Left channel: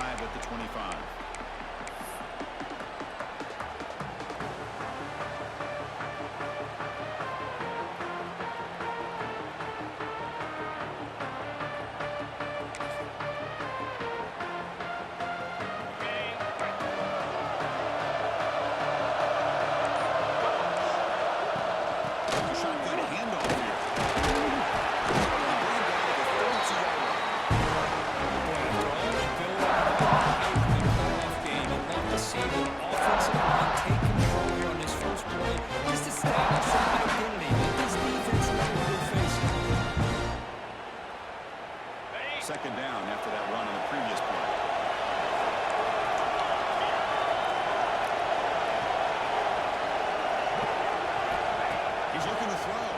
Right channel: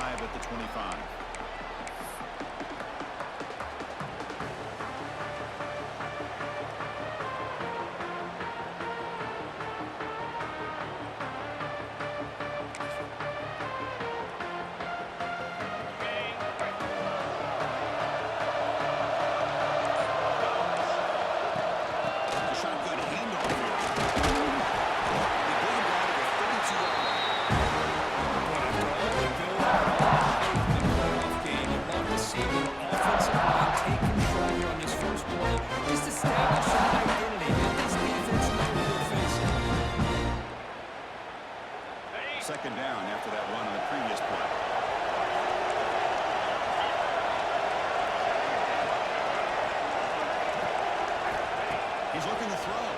drive at the 25. Second down after that run on the previous play. He's looking to throw.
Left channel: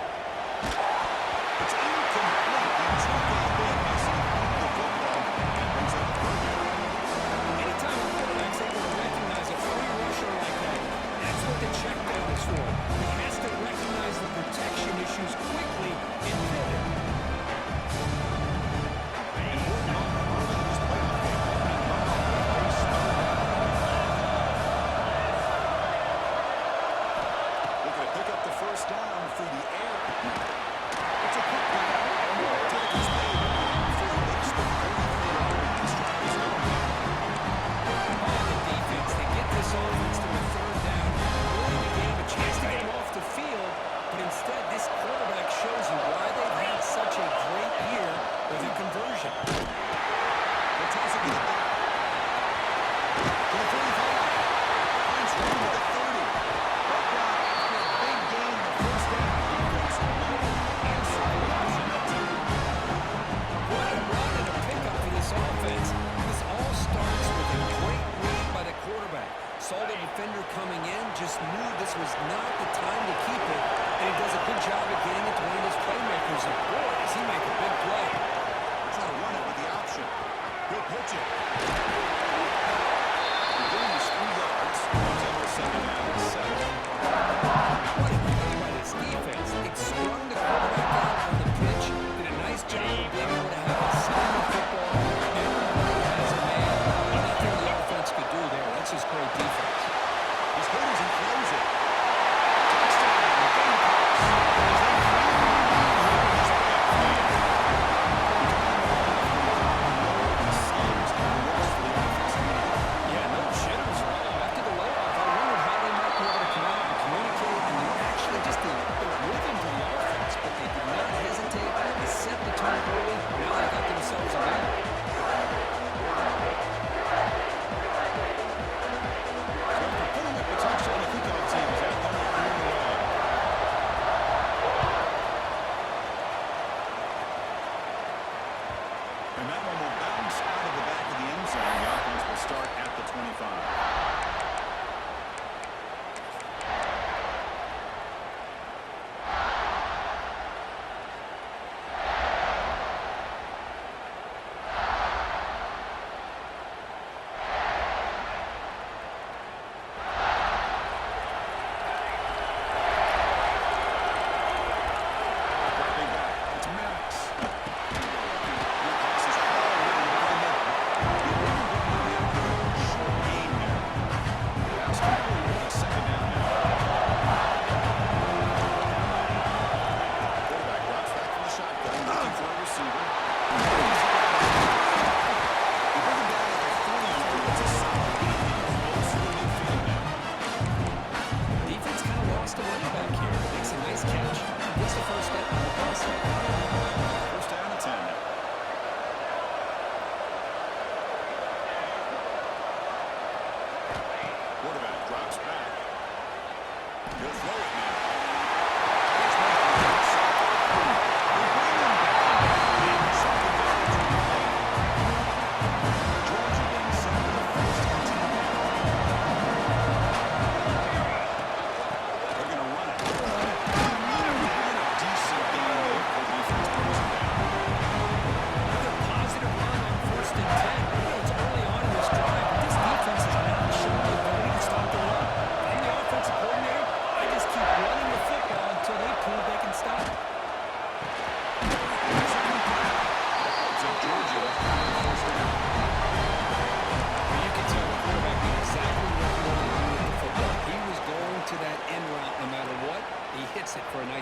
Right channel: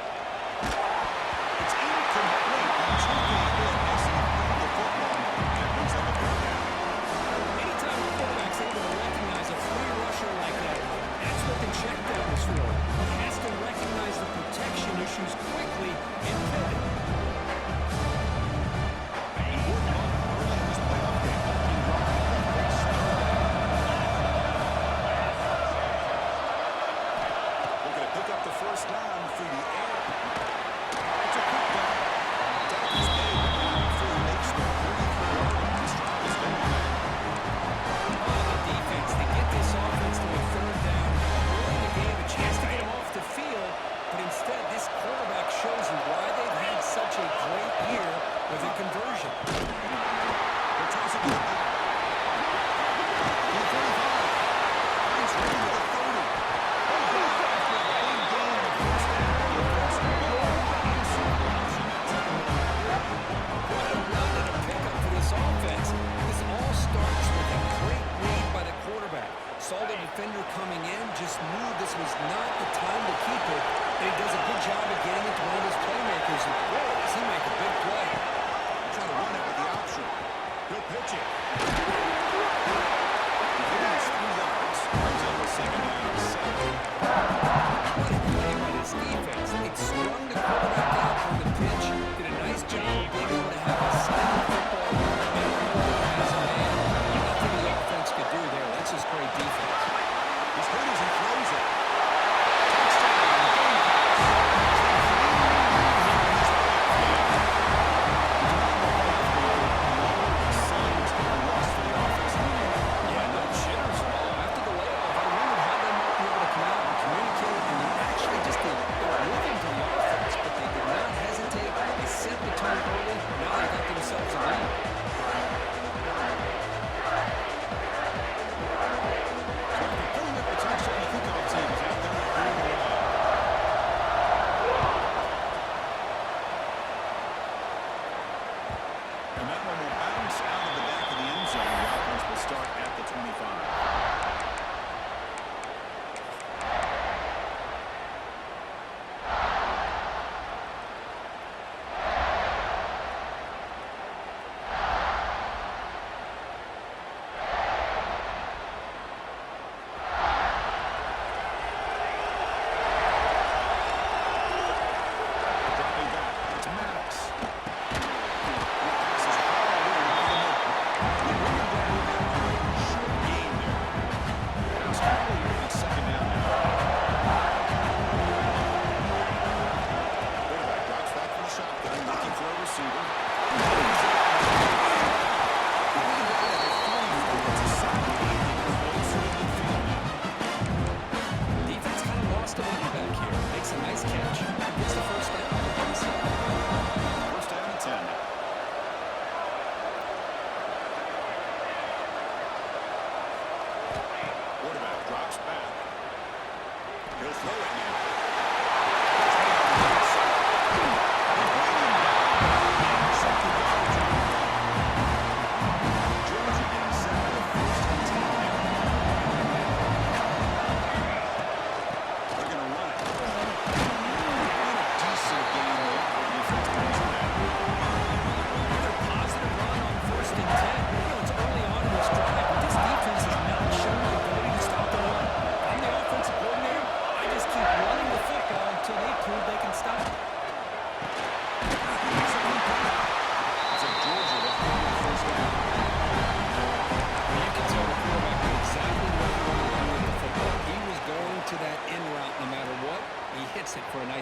It's incomplete. He took a hit as he threw the football. That brings up a third down. Anytime a quarterback's able to recognize a free rusher like that, that's what the check down is for. He has to recognize the protection issues quickly and pivot. First down through the air. It's a quick run. Tackle's made, but not before he makes the 33-yard line. This drive is going now. Oh, the defense. They get this offense to a third down. Early in the game, a chance to get him off the field. But instead, this quarterback shows you why they've had such a great year with a conversion. They'll toss it to the back. To the 45. Finds room with the 30. Big down after a big gain in the first down. Defense, no answer for the option that time. What a run and a pickup for this offense. This all starts with a great read by the quarterback. Saw the defender coming in, just knew this was not the time to keep it, and he does a good job of getting it to one of his playmakers. And boy, does he make a big play. Try to run it with the option. He'll pitch it. The gain is 3 yards. Comes up with second down and 7. What a play by this defense. It sprung the quarterback out on the pitch, did a nice job of being able to have a side of the football. Everybody has a man. Nothing the offense could do there. That's just great defense. He's hurt as he throws it. Touchdown, Gamecocks. As they clean here in this playoff game. No signs of a loss for the offense immediately. Yeah, no jitters at all. After the layoff, I wondered how they might be able to come out and communicate and actually just the rhythm to the offense, but they did not hesitate. They set the tone early. Now they got themselves a lead. So after putting up the touchdown, the kickoff team is out there and clearing the way. And that one will bounce out of the back of the end zone. The offense will start at the 25. Dropping back. It's Maddox. That pass is hauled in over the middle. They bring him down after a short gain there. Pass complete. It's second down now. Quarterback drops back from the shotgun, looking for a receiver. They bring him down at the 43. It's a solid gain, getting closer to midfield now. Defense kind of lost a running back here. Makes a nice catch. Gets the first down in the process. First down and 10 now. Quarterback drops back. He'll throw it now. Catch made on the outside. They bring him down. And second yard to the play. Georgia getting set for the first and 10 now. They're going to run it. And a decent game there before the defense brings him down. Another positive run on first and 10. You know, it's early on in this drive, but this defense has not shown the ability to stop the run. I'm the offensive coordinator. I just keep running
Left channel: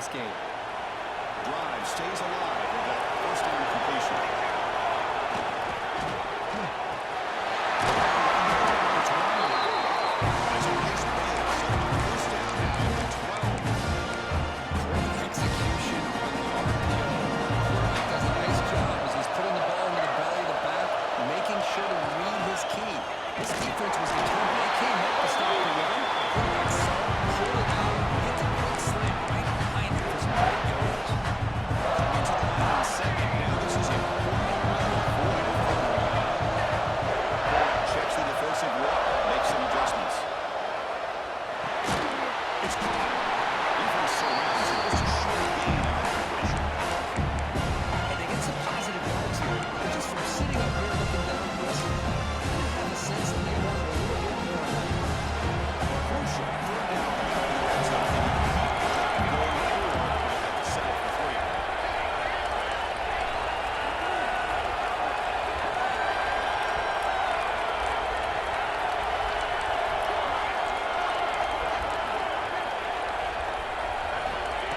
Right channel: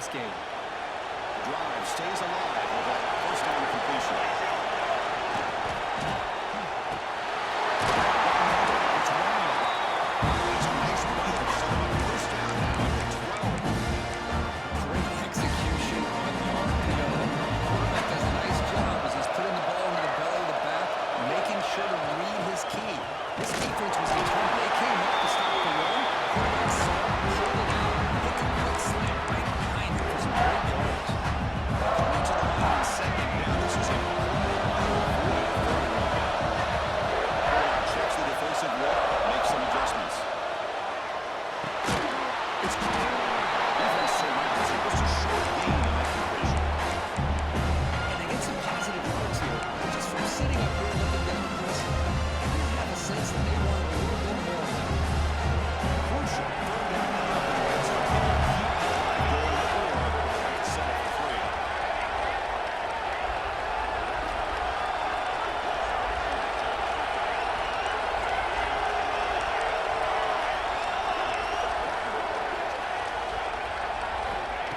nice game. Drive stays alive with that first down completion. It's Ryan. That's a nice play to set him up first down now at the 12. Great execution on the RPO. Quarterback does a nice job as he's putting the ball into the belly of the back, making sure to read his key. This defense was determined. They came up to stop the run. Quarterback saw it, pulled it out, hit the quick slant right behind it for some great yards. Coming to the line on second down. This is important. They want to avoid a third and long. Quarterback checks the defensive look, makes some adjustments. It's caught. Defense surrounds it. Just a short gain on that completion. And they get some positive yards here. But just from sitting up here looking down, Chris, I kind of have a sense that they wanted a little bit more of that. Crucial. Third down coming up in the red zone. Can you keep the drive going, or will they have to settle for three?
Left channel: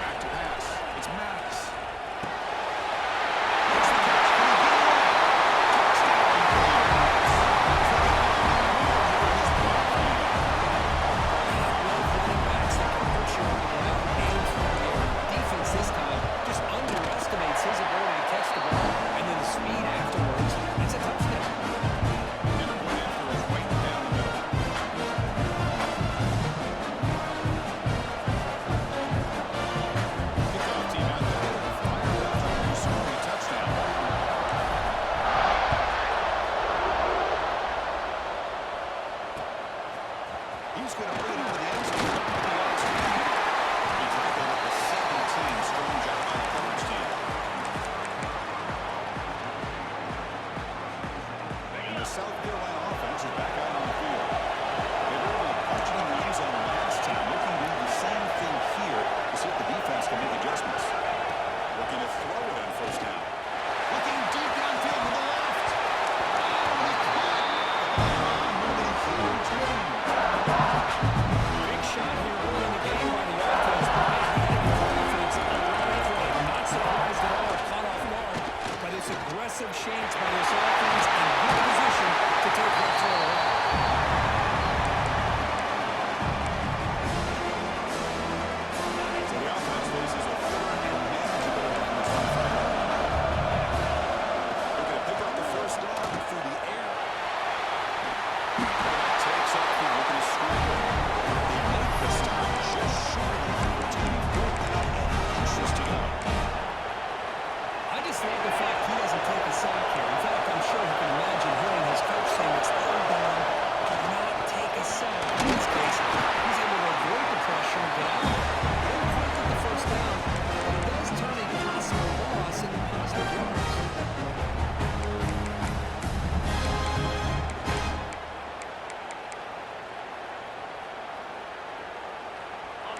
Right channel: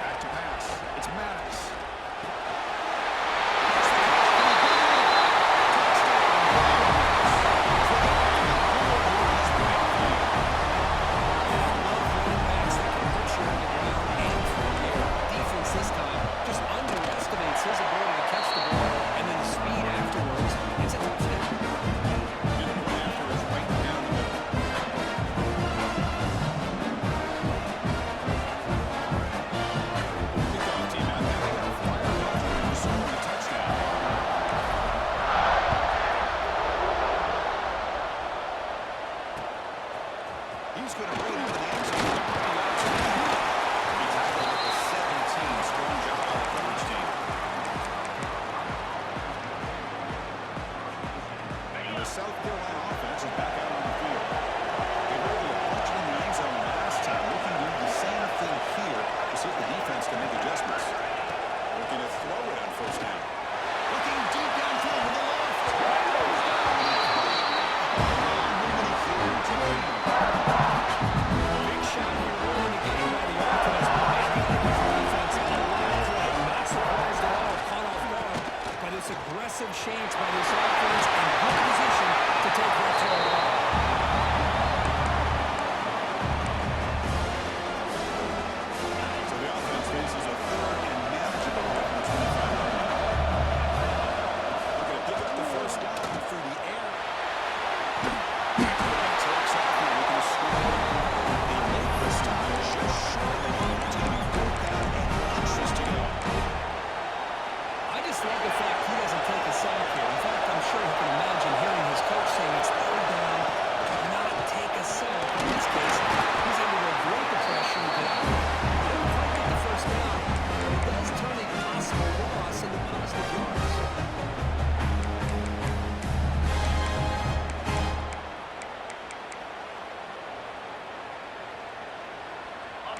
Back to pass. It's Maddox. Makes the catch. Can he get it? Touchdown, Browns. So they're on the board here in this playoff game. And I love running backs that can hurt you on the ground and through the air. Defense this time just underestimates his ability to catch the ball, and then the speed afterwards, it's a touchdown. And the point after is right down the middle. Kickoff team out there. They are fired up after scoring a touchdown. He's going to bring it out of the end zone with a couple yards lead. He tackled at the 17. Strong job by the coverage team. And the South Carolina offense is back out on the field. They were able to punch it in the end zone last time. Looking to do the same thing here to see if the defense can make adjustments. Looking to throw it on first down. Looking deep downfield to the left. Oh, and he caught it. Moving a huge lead. Big shot here early in the game by the offense, but man, you got to give the defense a live leg. Not surprised at all, caught off guard by this aggressive chance by this offense and good position to take that throw away. So the offense faces a third and manageable here from the 25-yard line. Looking to pick up the first down through the air. Quarterback takes off and looking to scramble. They make the stop just short of the mark. It's going to be 4th down and inches to go. I just love the fact he doesn't take a sack here. In fact, I'm sure he can imagine hearing his coach saying it's 3rd down, do not take a sack. In this case, he's able to avoid the pressure and get out of it. He didn't quite get the first down, but he does turn a possible loss into positive yards.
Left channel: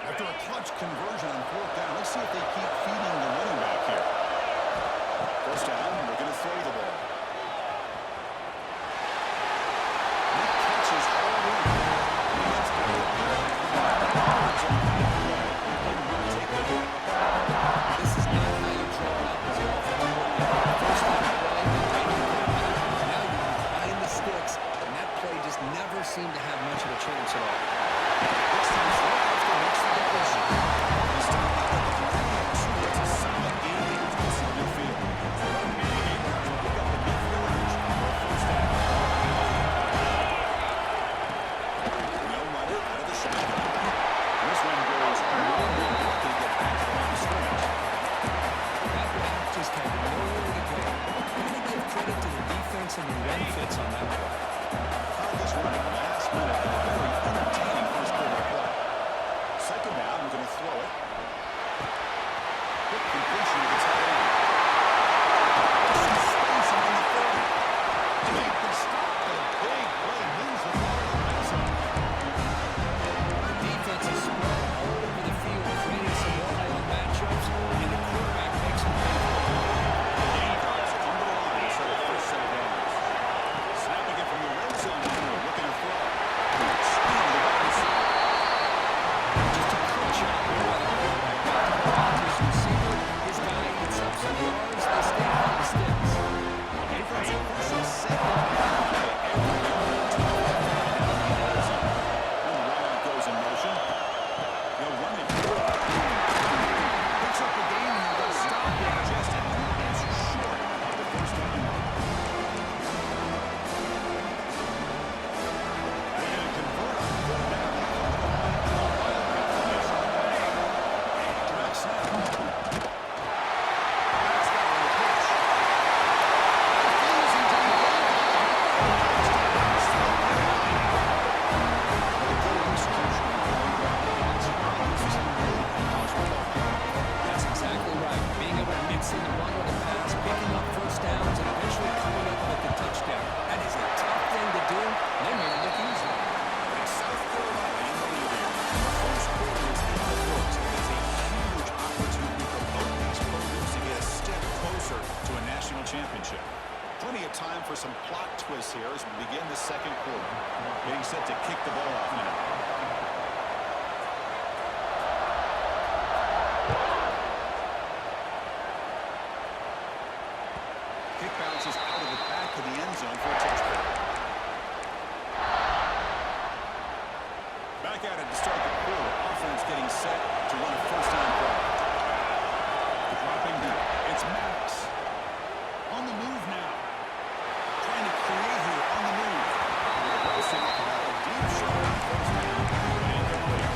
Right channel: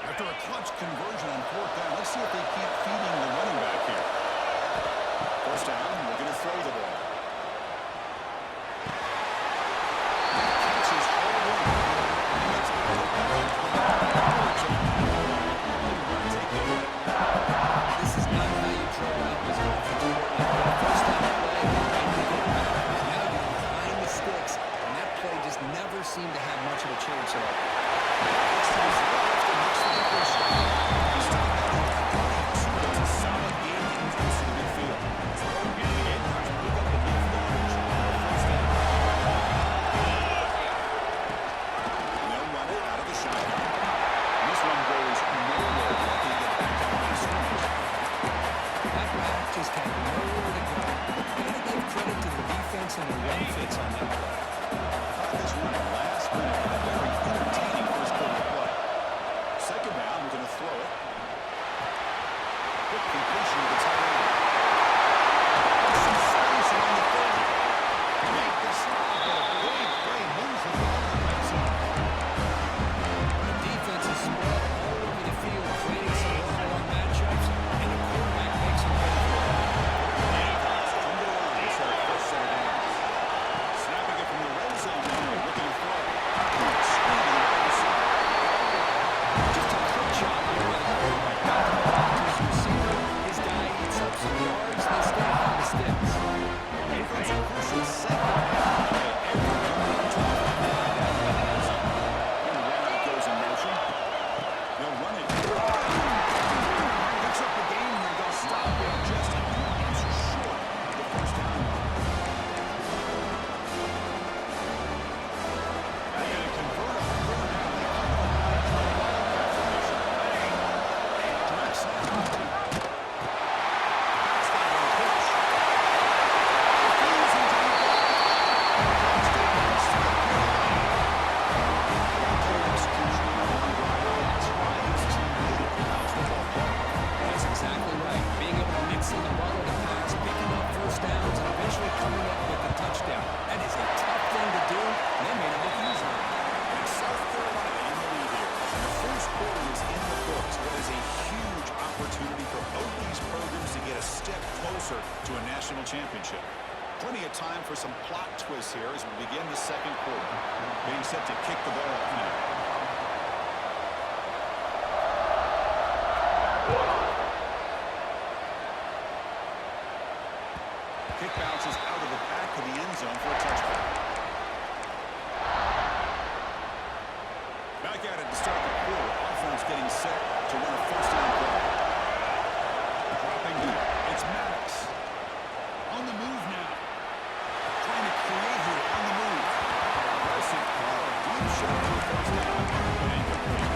After a clutch conversion on 4th down, let's see if they keep feeding the running back here. First down, we're going to throw the ball. That catch is hauled in. And he gets out of bounds with coverage on that play. Didn't want to take the hit. This is not how you draw it up as an offensive coordinator. First down play, and you get it backwards. Now you're behind the sticks, and that play just never seemed to have much of a chance at all. Looks to his left and makes the completion. He stopped out at the 42. It's a solid game. Getting close to the midfield. And the Gamecocks will pick up enough yardage for a first down. They'll run it out of the shotgun. This one goes nowhere. Lucky to get back to the line of scrimmage. That back just had nowhere to go. Got to give credit to the defense and the run fits on that play. Caught this running last minute in a very entertaining first quarter play. Second down, we're going to throw it. thing to do, and they made it look easy. And it's South Carolina in the lead here. And the first quarter is in the books. It is a huge opportunity for both these programs to get a step closer to a national championship. Plenty of time for some plot twists here as we begin the second quarter. Getting set to kick the ball off now. Kick bounces out of the back of the end zone for a touchback. Back at it to start the quarter. Offense getting set to run a first down play. Dropping back. It's Maddox. On the move now. Trying to create here on the move. Aggressive call. A deep shot on first down. But incomplete.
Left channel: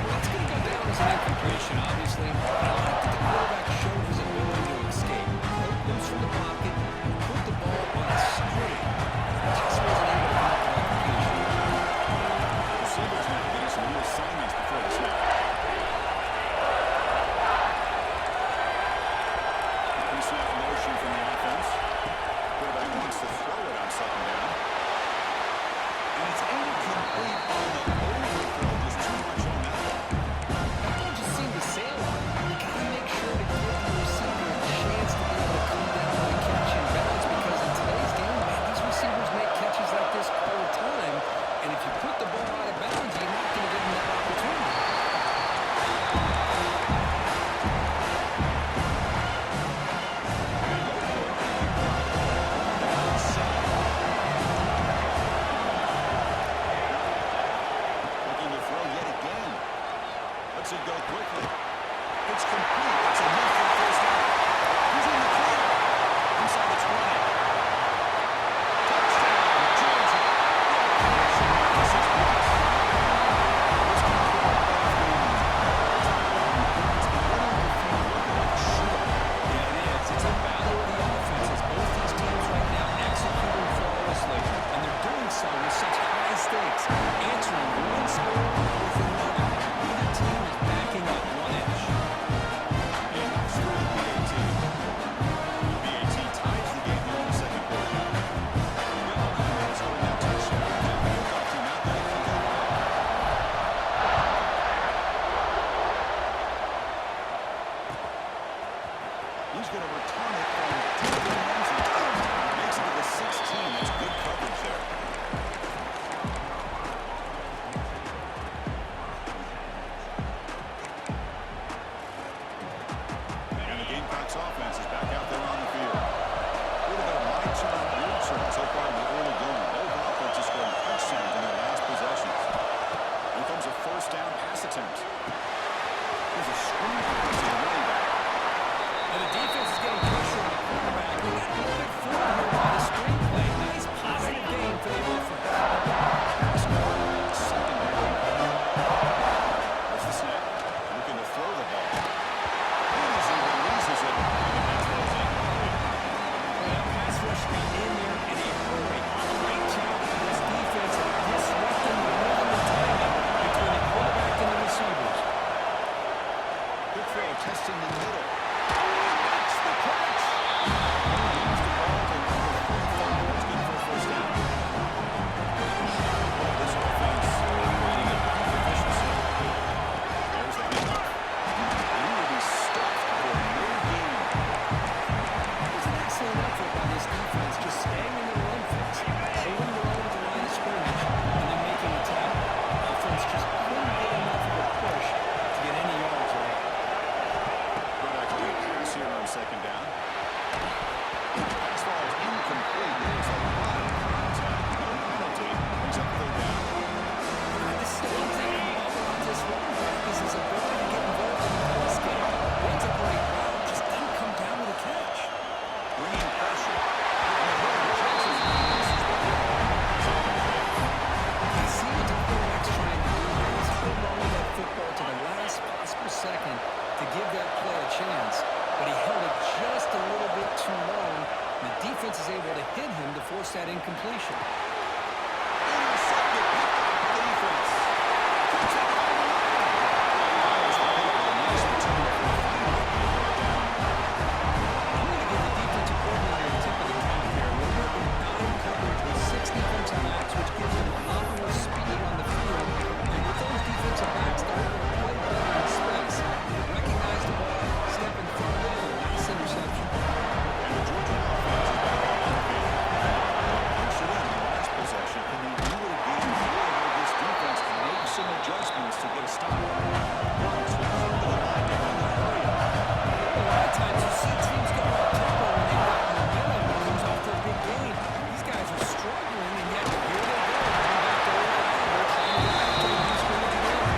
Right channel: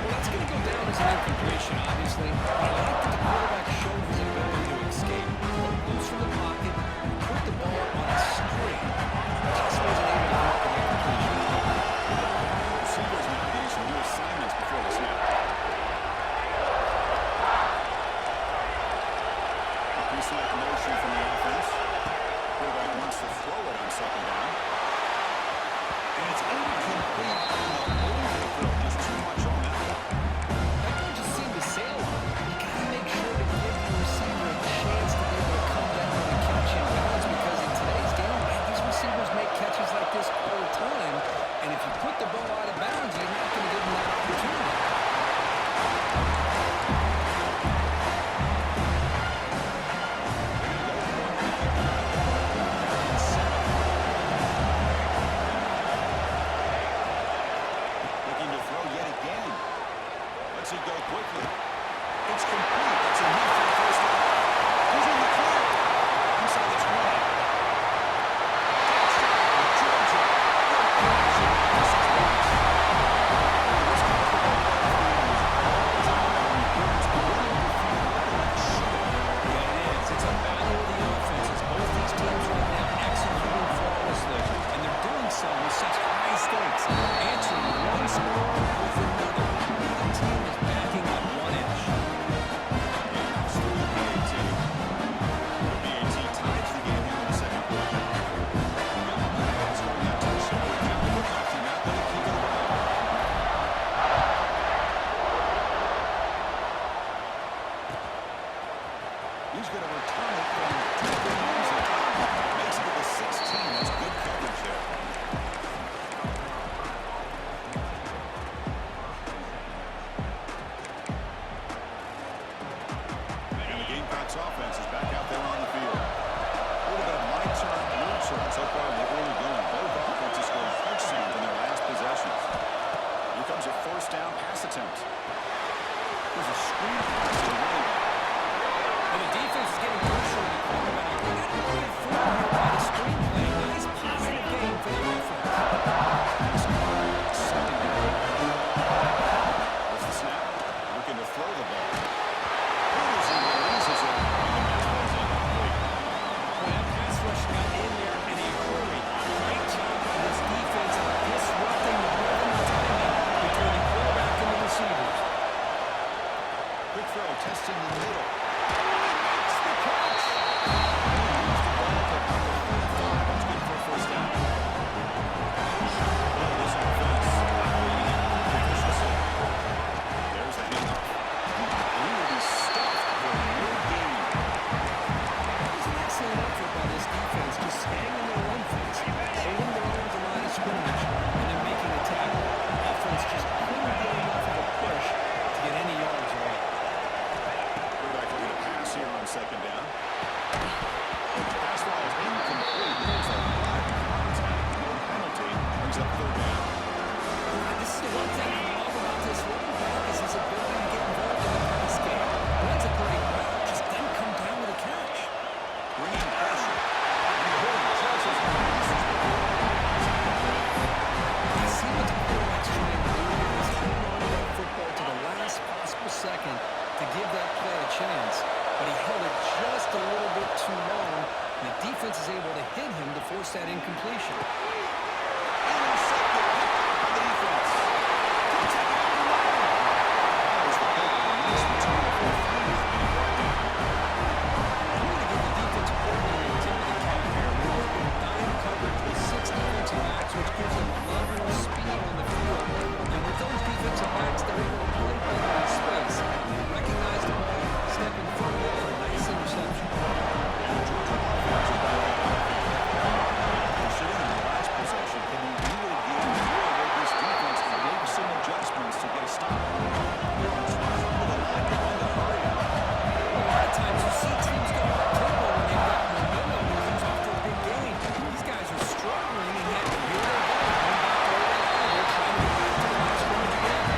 Well, that's going to go down as an incompletion, obviously. But I like that the quarterback showed his ability to escape, broke loose from the pocket, and put the ball on a string. Just wasn't able to come up with that completion. Receivers now getting some new assignments before the snap. Pre-snap motion from the offense. Quarterback wants to throw it on second down. And it's incomplete on the overthrow. Just too much on that one. That ball just seemed to sail on. You got to make sure to give the receiver a chance to be able to come down with a catch and bounce, because in today's game, man, these receivers make catches like this all the time. And if you put the ball out of bounds, you're not going to give them that opportunity. Lets it go quickly. It's complete. That's enough for the first down. He's in the clear. Inside the 20. Touchdown, Georgia. Good connection there for 6 points. This comfortable ball game is all time importance. But what in the field looking like a shootout. Yeah, it is. It's a battle of the offenses. Both these teams right now executing flawlessly, and they're doing so with such high stakes, answering one score with another. Neither team is backing up 1 inch. And knocks through the PAT. The PAT ties the game here in the second quarter now. Got momentum in scoring that touchdown. Now the kickoff team out there to kick it away. He's going to return it from deep in the end zone. Makes it to the 16. That's good coverage there. And the Gamecocks offense is back out there on the field. A little bit of my turn, your turn so far in the early going. Both offenses scoring touchdowns in their last possessions. Here comes a first down pass attempt. There's a screen pass to the running back. And the defense is getting pressure on the quarterback. They got a little bit fooled here by the screenplay. Nice positive game for the offense. Pass caught. Second down. What's the snap? Looking to throw the ball. It is, he releases it, and the pass ball is incomplete. Well, that pass rush got in there in a hurry. Great job by this defense of disrupting the rhythm and timing between the quarterback and the receivers. Quick throw, testing the middle. That's the catch. He moves the ball to number 45. That's good for a first down. Boy, this offense operating at peak efficiency. There's the handoff. And he will be stuffed for no gain. That was an excellent effort by this defense, just staying in their run fix, holding their own at the line of scrimmage, and then making a tackle. Offense just couldn't get enough of a push to get any yards at all. Quarterback looking to pass here on second down. Pass ball is incomplete. There's a lot of contact. No penalty. Brings up third down. This is the one thing I love about this running back is his ability to get involved in the pass game. Runs a great route, just doesn't come down with a catch. Bringing pressure. And the hole just as nice as what we're on. It's incomplete. I see what the quarterback's trying to do here is hold on to that football to the last possible second to give that play a chance. But he held it just a little bit too long. And the defense is able to hit him to force that incompletion. Intercepted, picked off by the defense. Could take it all the way. Fires the paper. A nice return for a finder. And he brought down can they do it again, or will this defense make some adjustments to get a stop? Brooks will come to the line to run the hurry up. A lot of times you see teams go up tempo when they've got momentum that comes off their big gain. These guys are struggling, and yet here they go, going back to old Oliver, trying to get back to the line of scrimmage again.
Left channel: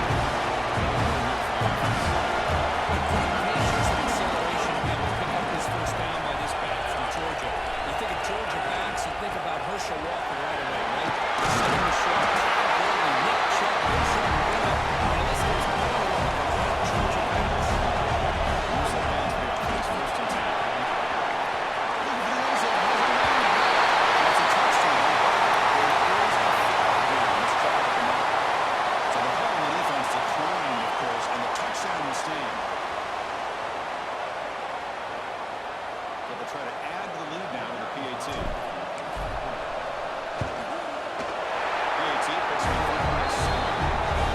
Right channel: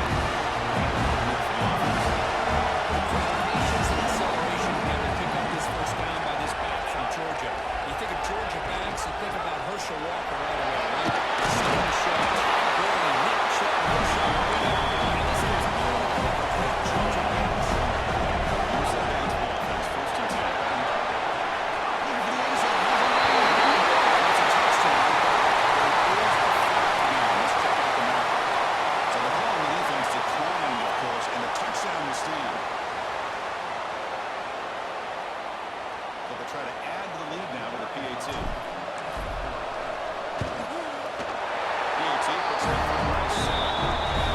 With great patience and acceleration to be able to pick up this first down by this back from Georgia. You think of Georgia backs, you think about Herschel Walker right away, right? Sonny Michel, Todd Gurley, Nick Chubb, Rashad Marino. And the list goes on and on with the great Georgia backs. Moves that down to the offense, 1st and 10. Looking for the end zone, has a lane. It's a touchdown, but there is a flag now. Let's check out the marker. So the call on the defense declined, of course, and the touchdown will stand. So they'll try to add to the lead now with a PAT. PAT puts it in front by 7.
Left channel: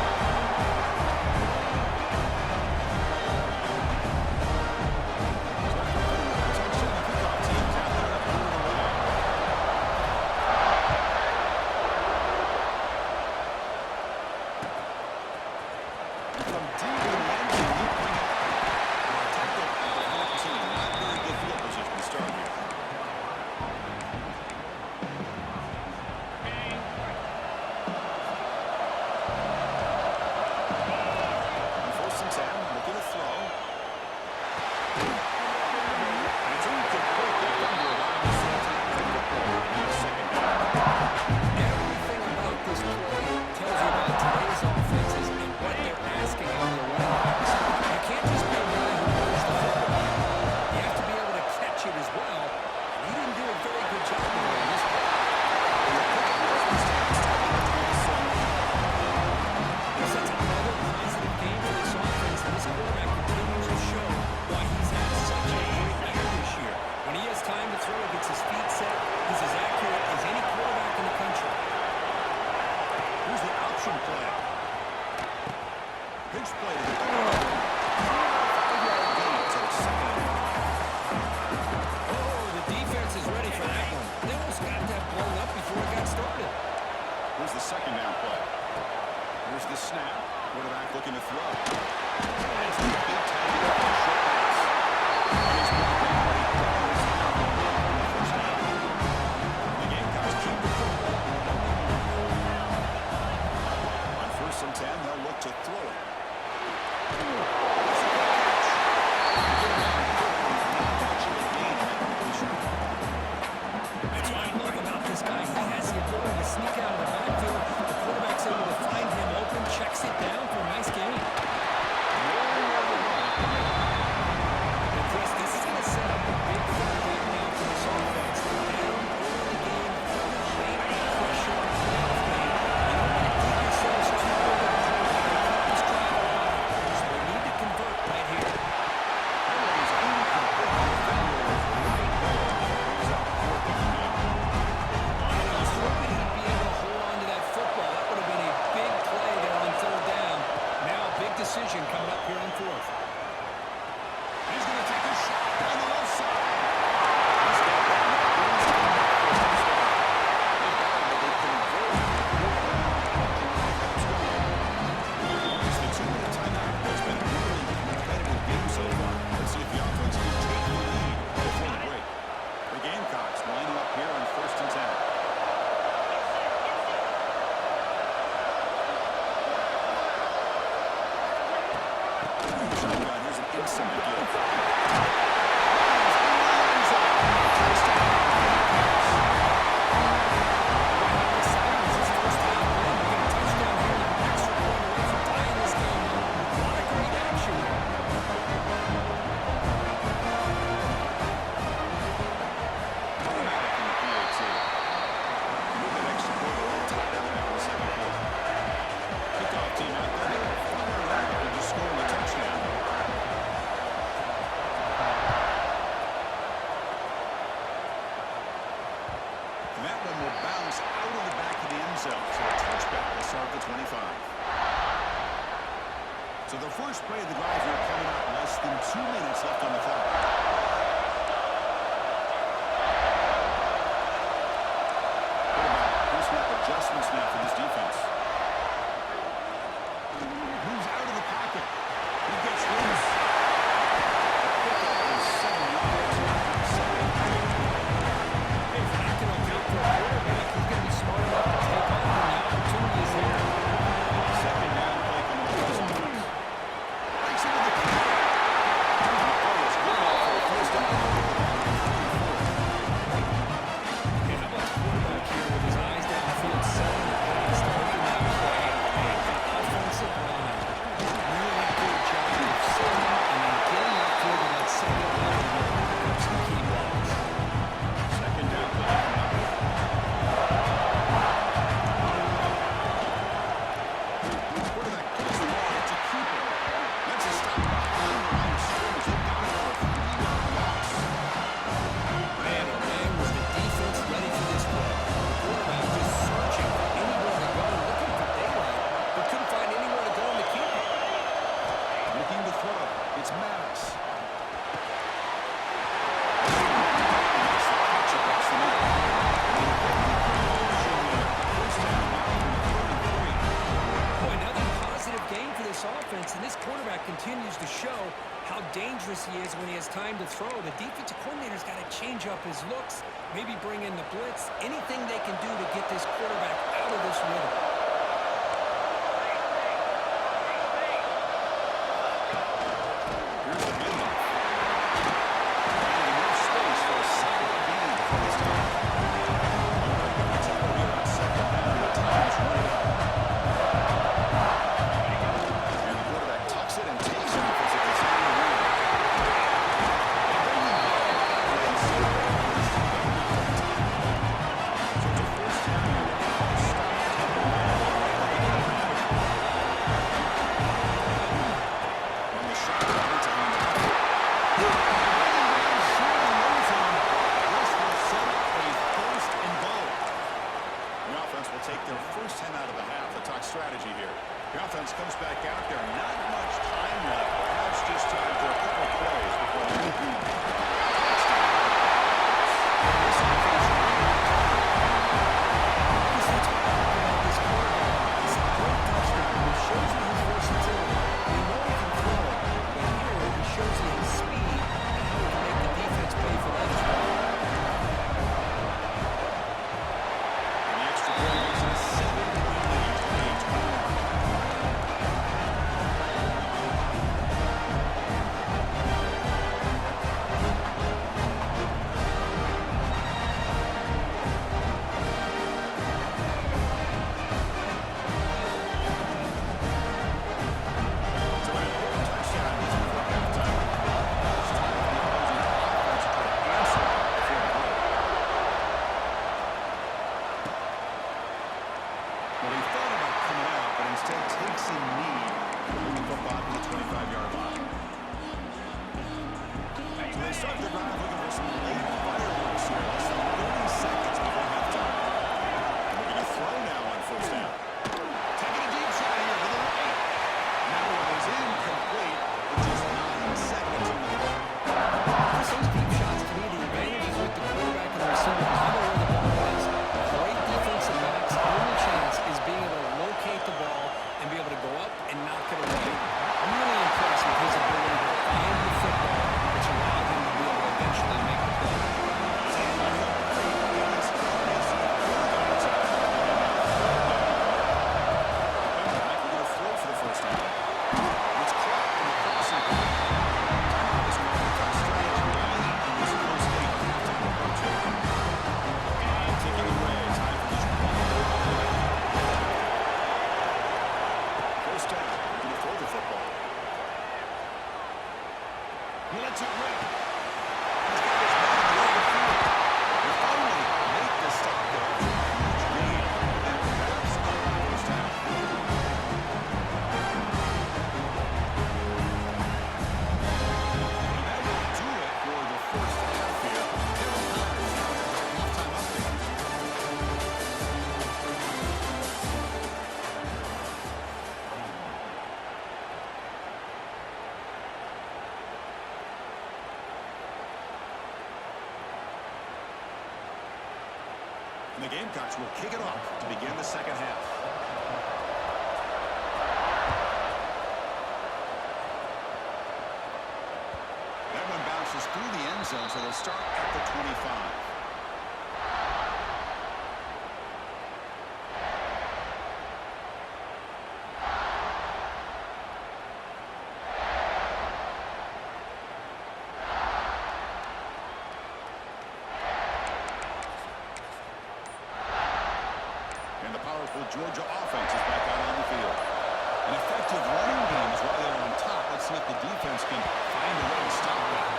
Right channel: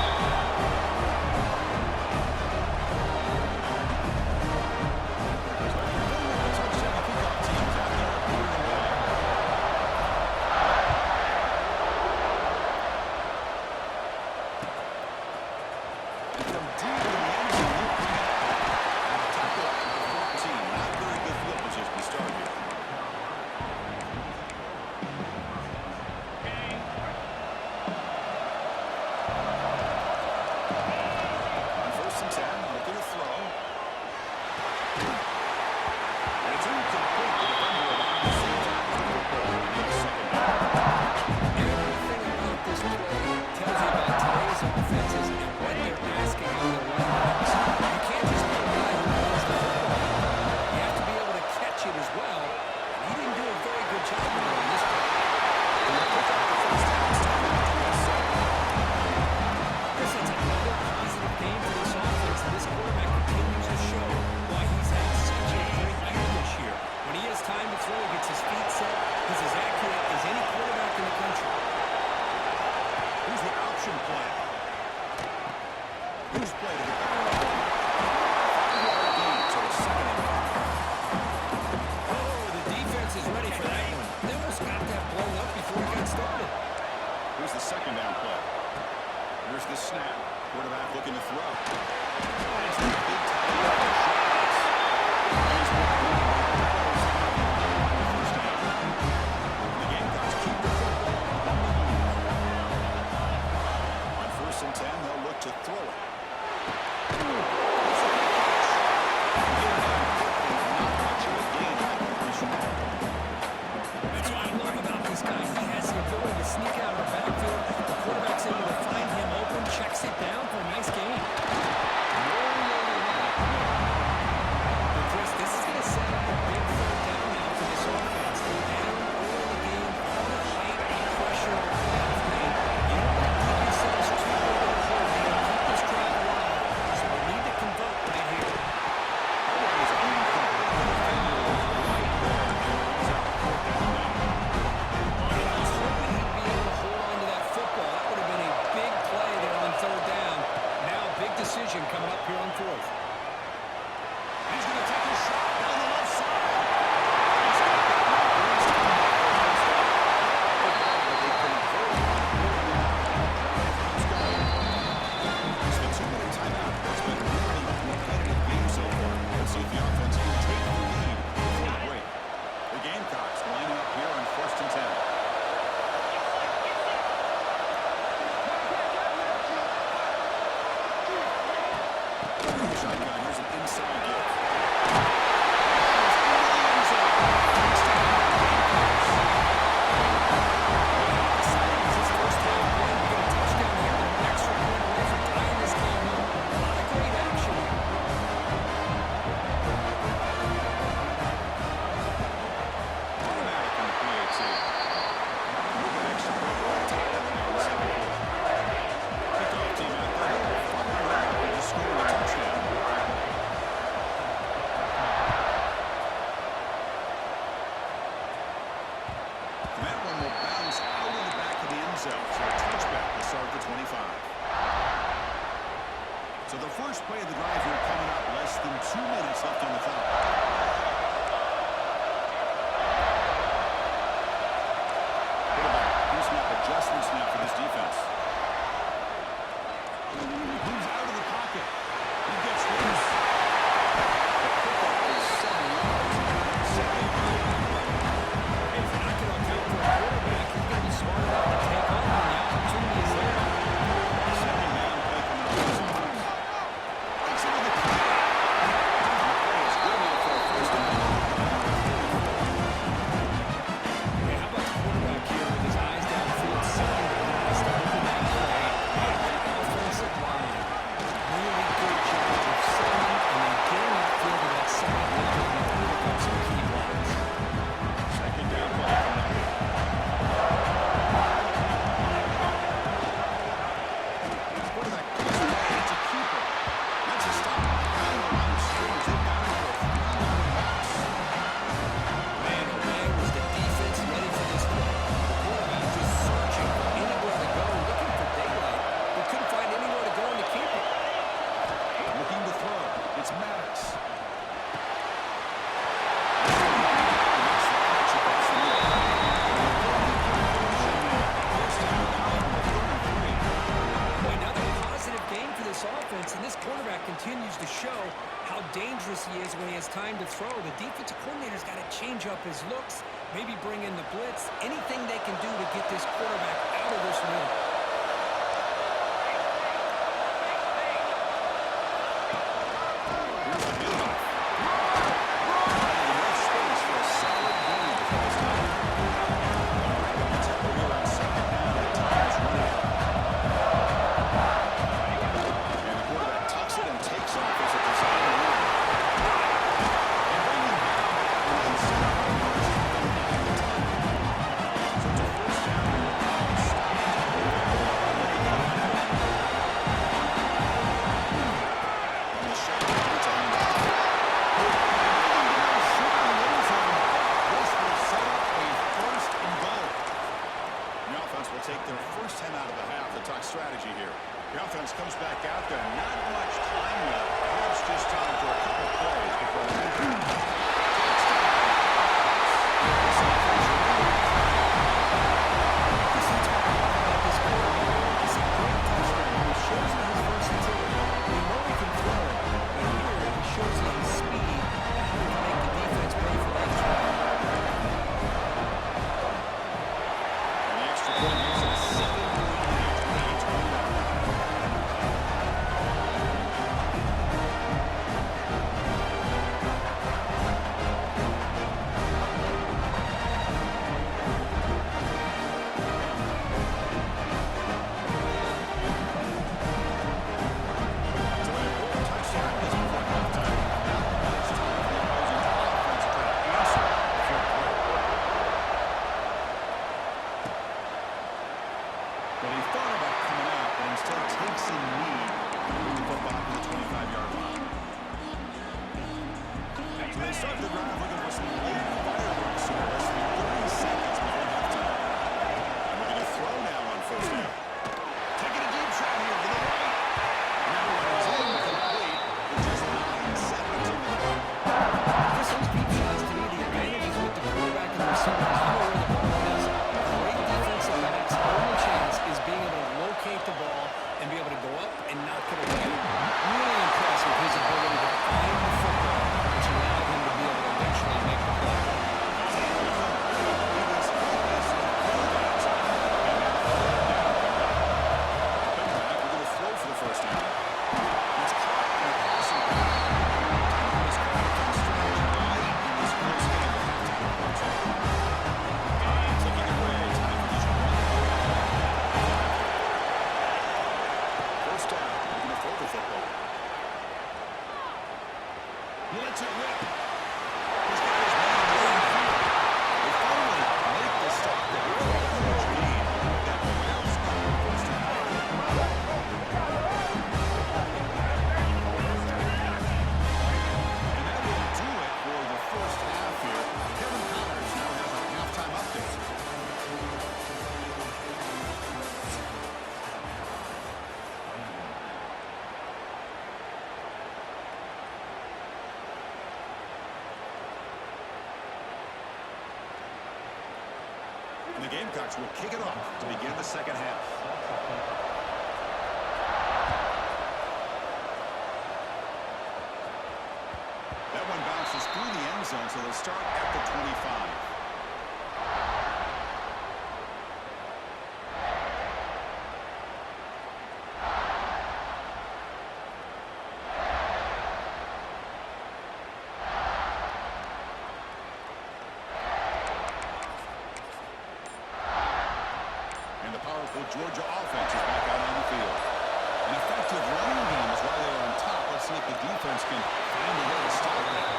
Here's the 2nd down play. Here's the snap. Quarterback looking to throw. That's the big tally up for a short pass. And he's blocked out. He does have the block on the 1st down. The Gamecocks keep the football on the move. On 1st and 10, they'll look to throw it. That's a good catch. You get him down quickly. Not much of a gain on that completion. That's what I love about this guy. He has the ability to sneak out of the backfield. The quarterback's able to find him open, checks it down for a nice gain. But Chris, this is going to set up a big 3rd down now for this offense. They're down early in the game, all the hype and pressure on a playoff game. You don't want to dig yourselves too big of a hole. You got to keep this drive alive. So they need to convert right here. That one was incomplete. The defender was right there. Brings out 4th down now. And I was hoping he'd be able to hold on to that football. That would have been a big play there on 3rd down. Now a big decision coming up here on 4th. He's going to take a shot down the left side. He's got that net. He's coming back for a 1st down. They got him, but they convert on 4th down, and the drive keeps going. It's the 2-minute timeout. It's been a really competitive game so far. Let's see if the offense can take the lead before the break. The Gamecocks lining up here on 1st and 10. Shotgun, here's an inside give. Miles into the end zone. Touchdown, Gamecocks. How exciting has this first half been? We get a touchdown here, they're an extra point away from tying this game up. A lot of great action here. Automatic in the PAT. With that extra point, we're all tied up now in the 2nd quarter. Kickoff team out there. They're firing up and just scoring a touchdown. And that one will bounce out of the back of the end zone. So a touchback will start at the 25. So the first play of the drive here coming up. Less than 2 minutes left on the clock. Quarterback, pre-snap adjustment defense, and this quarterback continues to show how dangerous he is when he has time to throw. The defensive coordinator's got to change up his looks, maybe bring in the blitz, anything they can do to get this quarterback out of this rhythm. Here's the handoff. Finding enough space for a solid gain before they stop. They'll break up the tempo here on second down. The time is running out. And the quarterback tucks it and takes off as a design run. They bring him back that way instead of first and goal now at the 10. So it's a first down here with the stop. Tempo right along right at the line. On the shotgun, it's a handoff. They bring him down short of the end zone, but this will set up a first and goal. The offense will take their first 10 out of the half. The talk strategy here. The offense comes back out there. Not much time left. Perhaps just time for a couple plays before the touchdown. This offense really Because that's what I love about this quarterback. It's a great touchdown. It shows you his versatility. We know he can throw it, but here he shows you his speed and how he can make the defense pay for that as well. And the extra point makes it a 7-point lead, 28-21. So an important touchdown just before halftime. Not much time for the opposing offense to try to answer before the break. Well, he thought about coming out, but instead takes a knee to bring the football to the 25-yard line. So they start the drive looking for some late fireworks here, less than 30 seconds before halftime. And we're going to throw now on first down. Taking a deep shot here to the right. That one is incomplete with just 9 seconds on the clock. Chris, those deep shots, to me, the advantage is with the quarterback and the receiver because you know where the ball is. Great defensive backs, only chance is being able to locate the ball and be able to go up and knock it away. I'm really impressed with his ability to find the football, which allowed him to be able to eventually make the play. It's incomplete. It is hopeless through that time. And now third down coming up. Dropping back, we're going to throw for the first down. And it's caught in the crossing back. Timeout is called to come strategy late in this close game with halftime approaching. And taking it away, time for just one more play. First down, we're going to throw the football. He lets it rip. He's got his man in the open field. They finally make the stop there. A huge lead, but that wraps up the first half. And that will do it for the first half here. Kevin Connors now has our halftime update. And the Gamecocks will kick it off to begin the second half. That one bounces through the end zone, so they'll start at the 25. And the powerful Georgia offense is back out on the field. An effective running game is why they're on top. Let's see if the defense can find a way to stop that.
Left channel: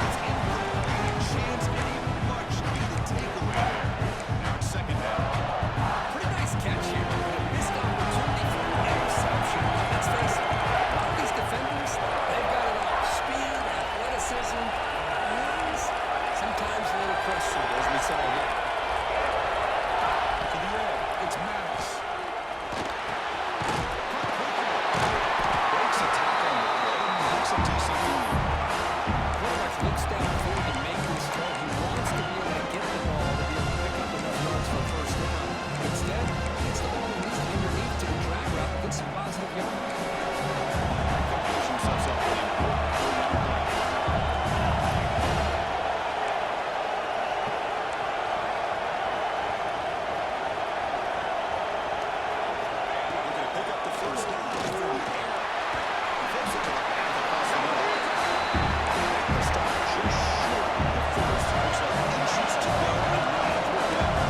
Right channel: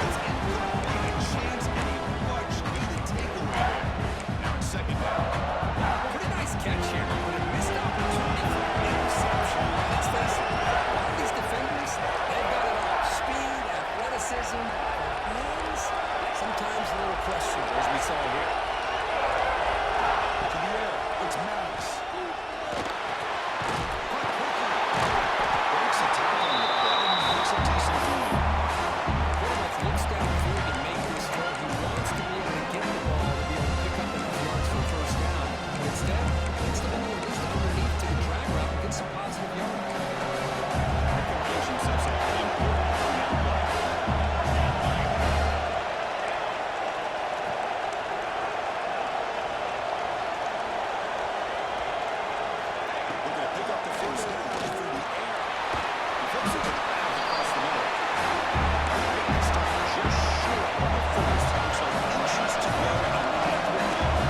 It's incomplete. A chance and a much-needed takeaway there. Now it's second down. Pretty nice catch here, but a missed opportunity for an interception. Let's face it, a lot of these defenders, they've got it all. Speed, athleticism, hands, sometimes a little questionable, as we saw here. To the air, it's Maddox. Caught quickly. Breaks a tackle on the play and makes a decent gain. Quarterback looks downfield to make this throw. He wants to be able to get the ball to be able to pick up enough yards for a first down. But instead, he gets the ball at least underneath to the drag route and gets some positive yards. sets up an important third down play. Looking to pick up the first down through the air. He flips it to the back across the middle. Make the stop just short of the first. Looks like inches to go, and now a third down.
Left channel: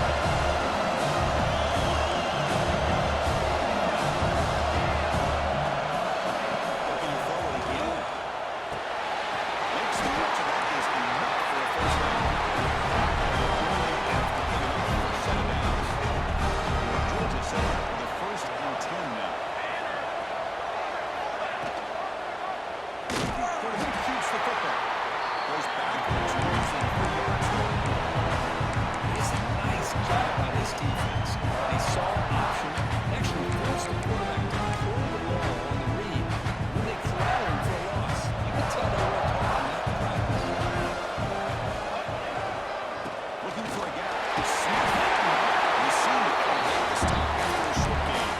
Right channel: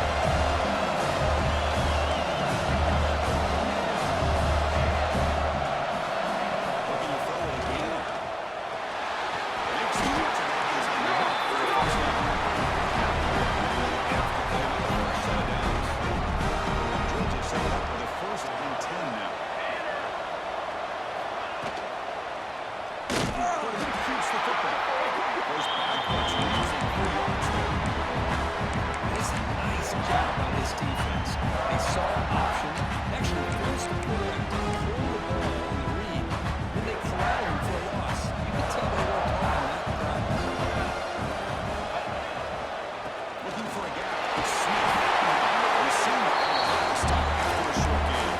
Looking to throw it again. Makes the catch, and that is enough for a first down. Only after picking up the first set of downs. Georgia set it up with a 1st and 10 now. The quarterback keeps the football. Goes backwards, losing 3 yards there. It's a nice job by this defense. They saw option, actually forced the quarterback to pull the ball on the read. When they corral him for a loss, you can tell they worked hard on that in practice. Looking for a gap. Smith. We seem to make the stop after a short game.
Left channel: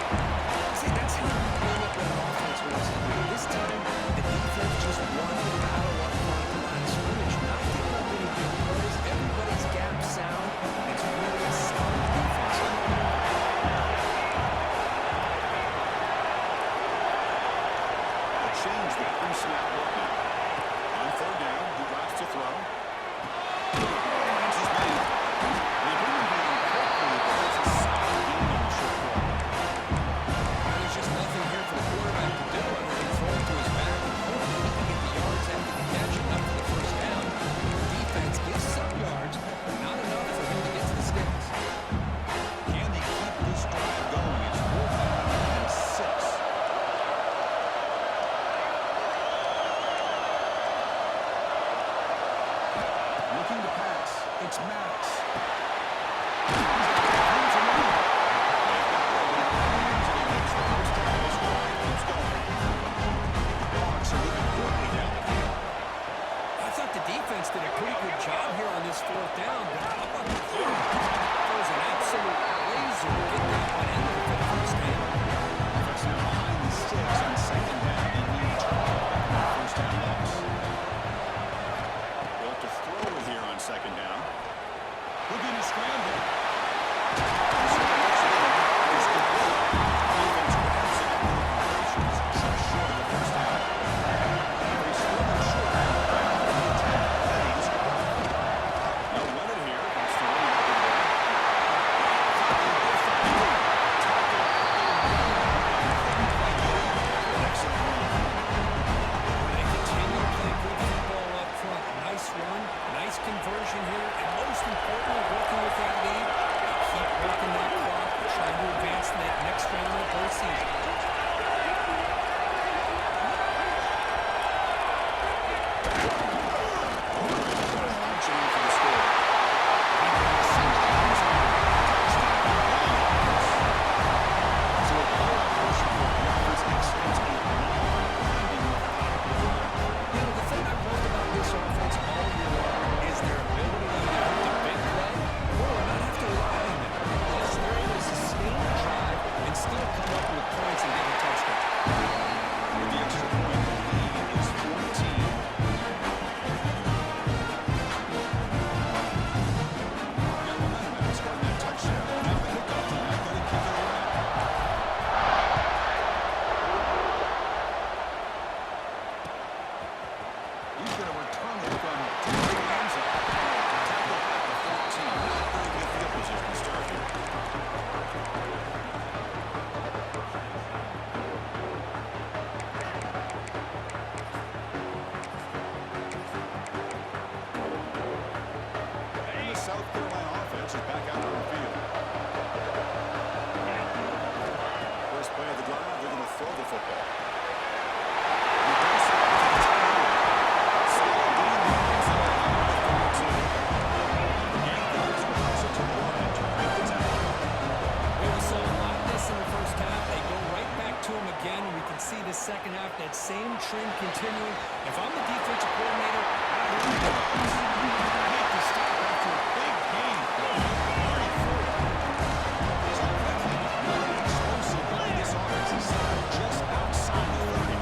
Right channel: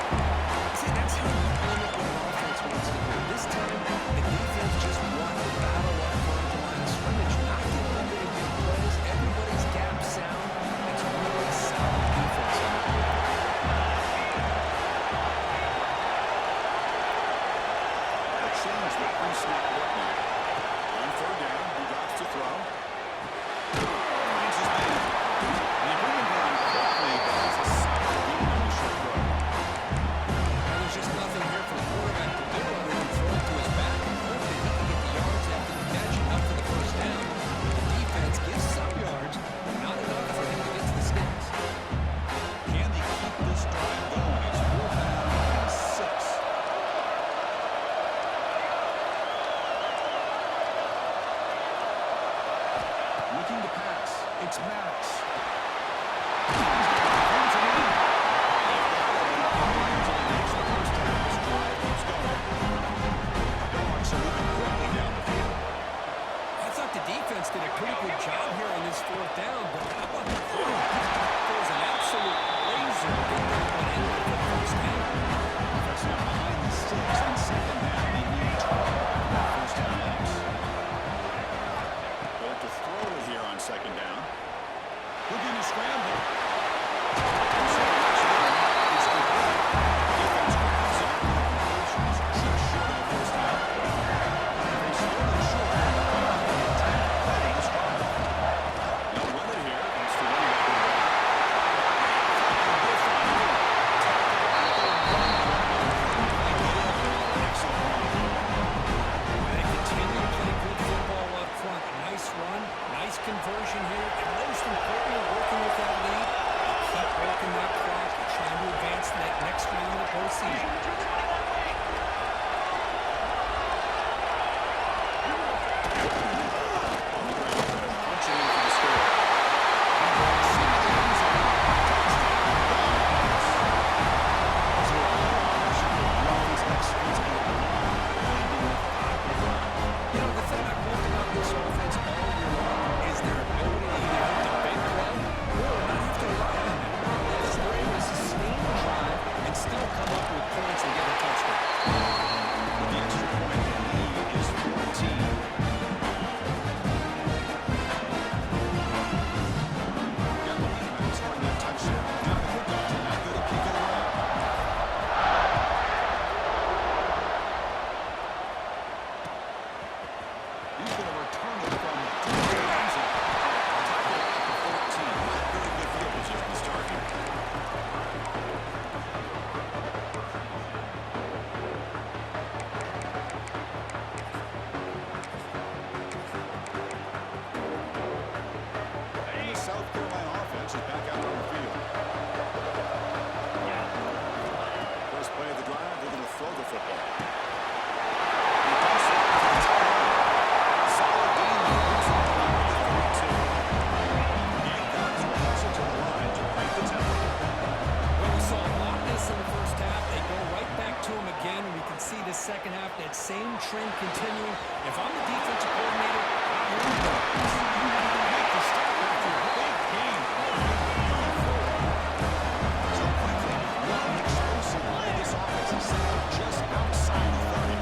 See, that's how you limit what an offense wants to do. This time, the defense just won the battle up front at the line of scrimmage, not giving up any big plays. Everybody's gap sound. It's really a solid defense on the field. They'll change the pre-snap look now. On 3rd down, he drops to throw. Finds his man. And they bring him down quickly, but there's a solid gain on the short throw. Now, there's just nothing here for the quarterback to do other than throw it to his back and hope that he can get the yards after the catch enough for the first down. But the defense gives some yards, but not enough for him to get to the sticks. Can they keep this drive going? It's 4th down and 6. Looking to pass. It's Maddox. He's got the defense around. They've got it, but he easily makes the first down. This drive keeps going. The Dogs are moving quickly down the field. I thought the defense did a pretty good job here on this 4th down, but how about the quarterback? Throws an absolute razor to get that one in there for the first down. Offense now behind the sticks on 2nd down. They need 12 after that first down loss. They'll have to throw it here on 2nd down. Looking to scramble. It's complete. Defense grabs it after the completion. It's just short of the first down. They still in short. Ready to score. No run it here. That's the running back in the back. Tackle with on the tackle at the 1 yard line. Couldn't quite get in. An excellent run. Well, they continue to play good football up front. A nice run, nice conversion here, and most importantly, working with that lead, they keep working that clock and trying to advance to that next round of the postseason. Punching in for the score. He brings into the end zone. Touchdown. So a clear pressure for the offense executes a long, winding, methodical drive. You know, the thing I've loved about this offense all year long is their ability to either hit the big play or not have to rely on them. Yes, they're able to sustain the drive and still come up with points and get a touchdown. With the extra point, the lead is 14. Got momentum after scoring that touchdown. Now the kickoff team out there to kick it around. He's going to return it from deep in the end zone. Tackle at the 14. Not very good field position to start here. And the South Carolina offense is back out on the field. First play of the drive, they're going to throw the football. He dumps it to the tight end. Solid gain there, brings the ball out to the 32. The Gamecocks will hustle to the line to break the tempo. Well, we saw a lot of this in the first half. They go right back to him again. We can see the second half, that same trend continuing. If I'm the defensive coordinator, here we go. Make the stop after a big gain. 34. So quickly, with one explosive play, this offense is set up just outside the 30.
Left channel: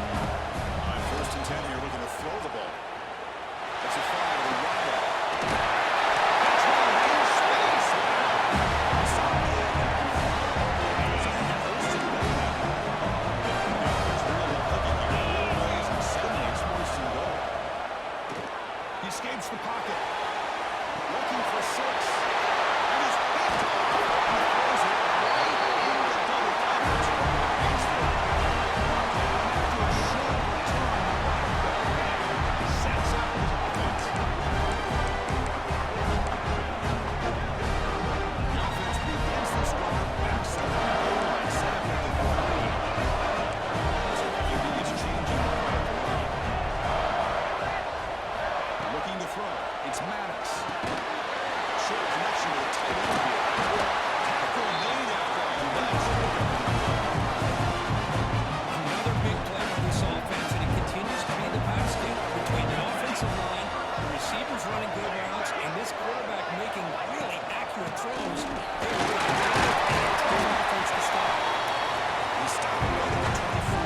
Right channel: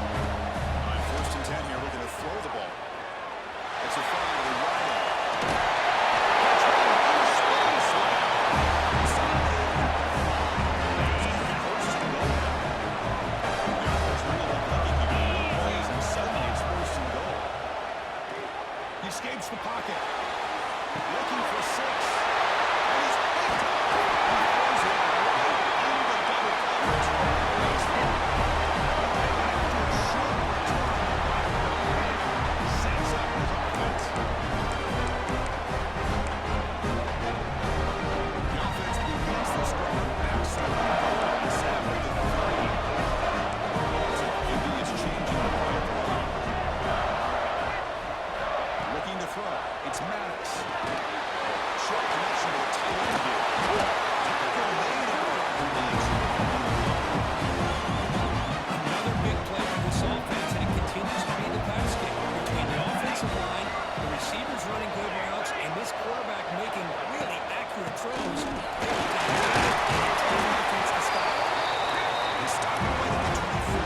On 1st Nice pickup on the play. Another big play for this offense, and it continues to be the pass game. Between the offensive line, the receivers running good routes, and this quarterback making really accurate throws, they've got a tough offense to stop. They stop him right at the 24.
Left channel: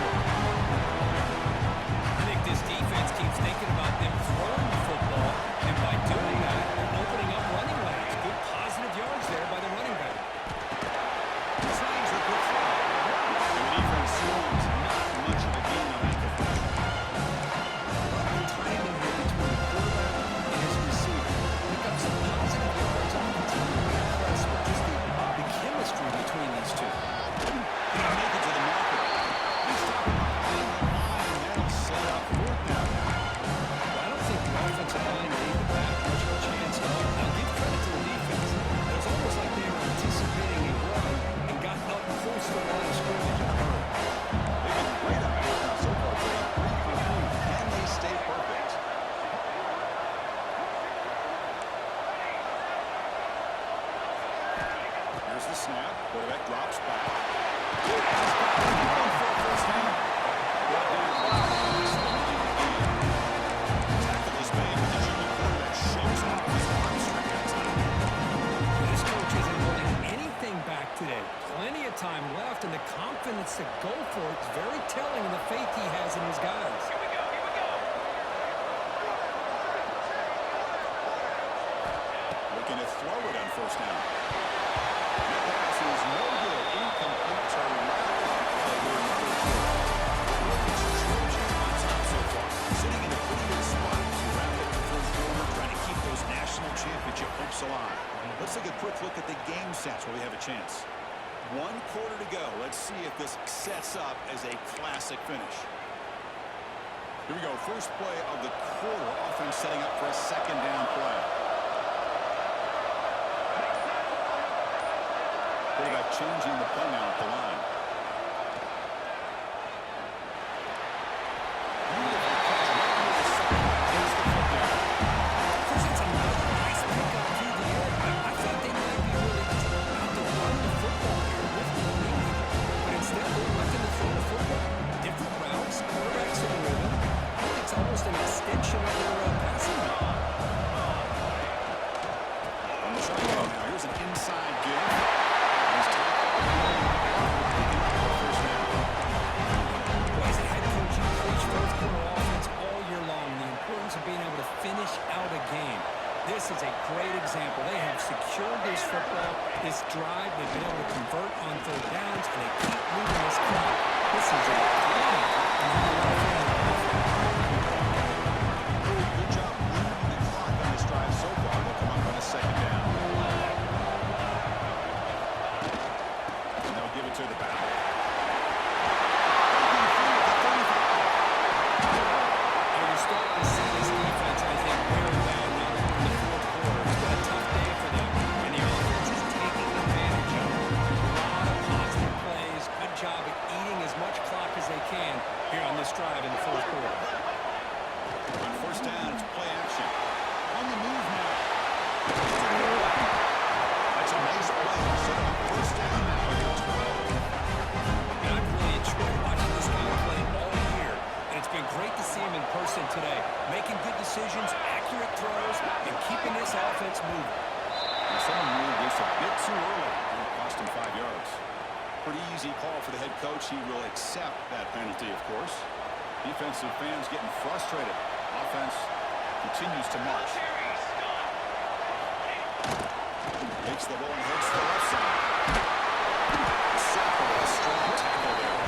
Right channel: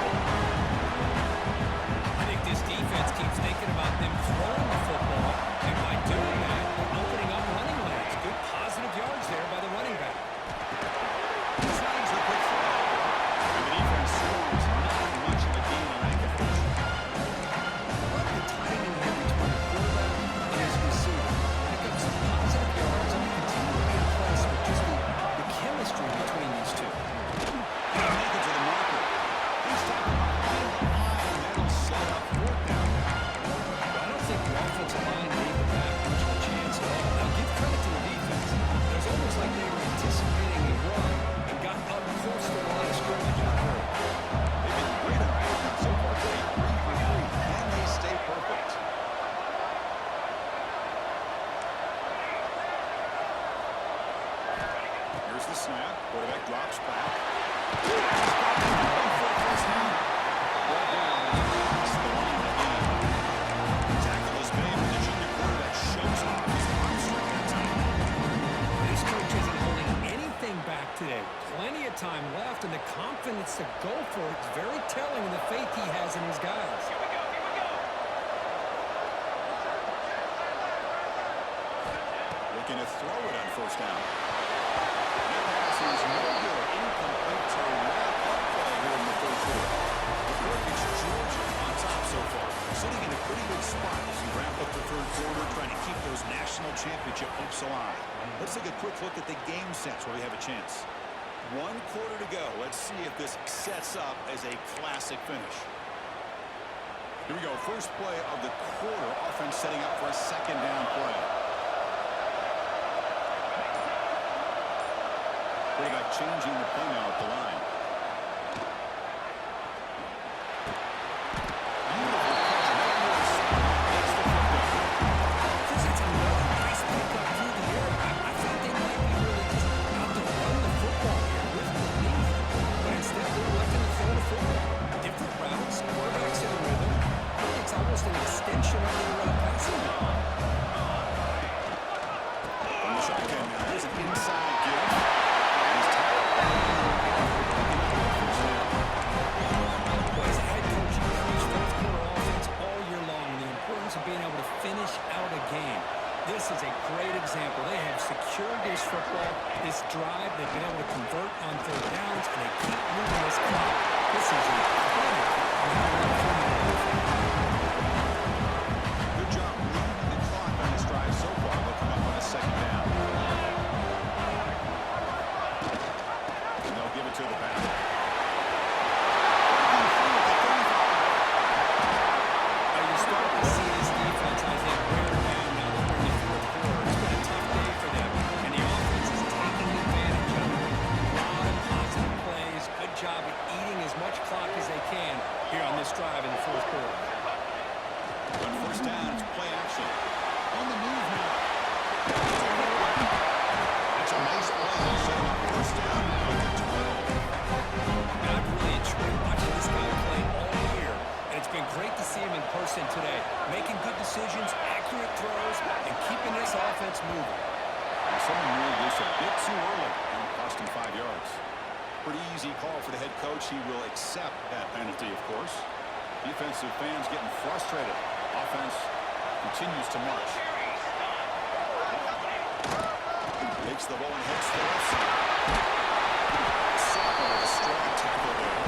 I think this defense keeps thinking about them throwing the football, and by doing that, they're opening up running lanes. Good positive yards there by the running back. Tries a quick throw. And the defense swarms. Not much of a gain on that completion. Love the timing here between the quarterback and his receiver. Pick up some positive yards, and I continue to be impressed with just the chemistry between these two. He'll make it to the marker. He's talking behind the line. That'll set up fourth down now. Well, I don't think the offensive line gave the back much of a chance at all. Now, give credit to the defense. It was almost like they were anticipating a run and got up close to the line of scrimmage in a hurry. They've been great on fourth down so far today. 3 for 3. Can they stay perfect? Here's the snap. Quarterback drops back. He's got it. Going for a first down. Brought down across the line of the game. Tackle is made, but the junior quarterback shows off his arm strength that time. This coach isn't holding anything back today. Plenty of time left, and the confidence to go for it is very telling in the faith he has in his guys. Here we go, here we go. Looking to throw it on first down. That pass is no good. Incomplete to wrap up play here in the third quarter. The Perkins Georgia on top so far. Sitting in a pretty good spot as we wrap up the third quarter, trying to keep those national championship hopes alive. Let's take a quick look at the game stats while we have a chance. 1 quarter to go. Let's see if this sets up as a classic finish. Here we go. First play of the quarter. Offense setting up for a second down play. Quarterback changing the play now at the line. Beautiful catch right near the sideline. Takes the foot down. Chris, it's another nice pickup through the air. I thought they might be really just out to run the football here with the lead, but instead they're electing to throw the football. Different routes, quarterbacks in rhythm. I think it's almost an extension of their passing game. From the shotgun now. Here's an inside give. And he's tackled. Picking up the first down. Well, as a head coach, you preach fourth quarter offense all year long, the importance of being able to finish out a game. This is a great example. They have secured this football, this drive. They've been able to convert on third downs, and they keep moving this clock. This is a clinic on how to run a formula offense. Good job moving the clock on this drive so far. They'll come up on a second down. And they'll give it to the back. Breaking through at the 35. Now you're starting to see this defense, I think, wear down now that we're in the fourth quarter. It's been a tough day for them, and the offense is taking advantage of it. A lot of positive plays. Good job at eating as much clock as they can here on this drive in the fourth quarter. On first down, it's play action. On the move now. That's a nice play. Set him up first down now at the 12. And I've really enjoyed watching this guy play all year, and it's been great to see him in person today, making good decisions, accurate throws, and keeping this offense moving. And someone ruled this a bit too early. And it cost him 5 yards. Pretty easy call for the head coach. He will accept that penalty, of course. Defensive fans getting frustrated. Offense continues to march. Takes the ball and heads to the left side. Sopper with a strong tackle there.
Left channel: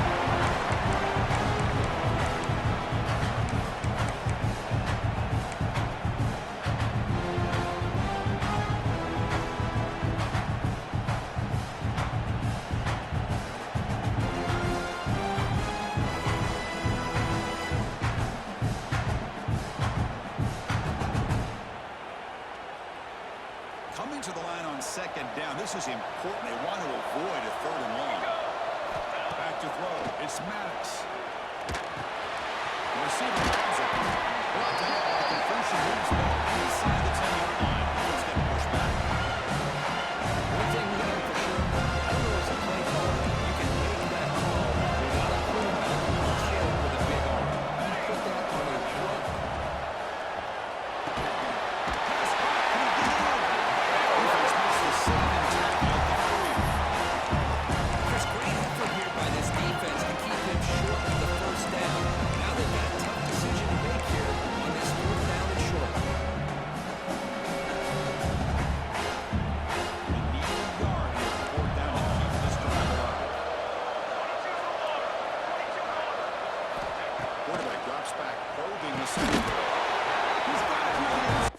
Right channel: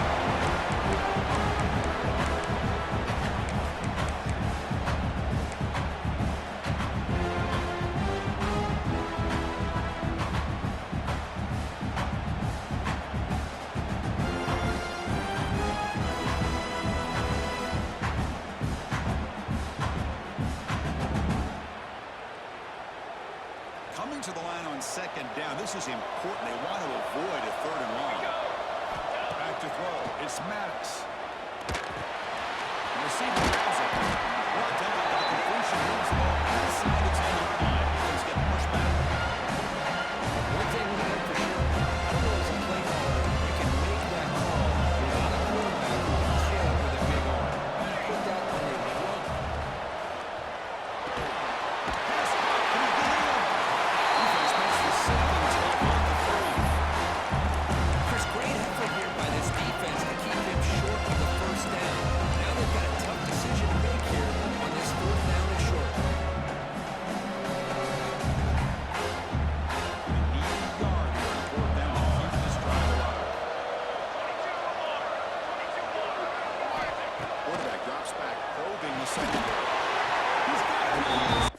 Coming to the line on second down. This is important. They want to avoid a third and long. Back to throw. It's Maddox. The receiver grabs it. Brought down by the completion. Moves the ball inside the 10-yard line. He's getting pushed back. One thing we know for sure, I don't know as a play caller by this defense to keep him short of the first down. Now they've got a tough decision to make here on this 4th down and short. They need a yard here on 4th down to keep this drive alive. Quarterback drops back, probing the secondary. He's got it.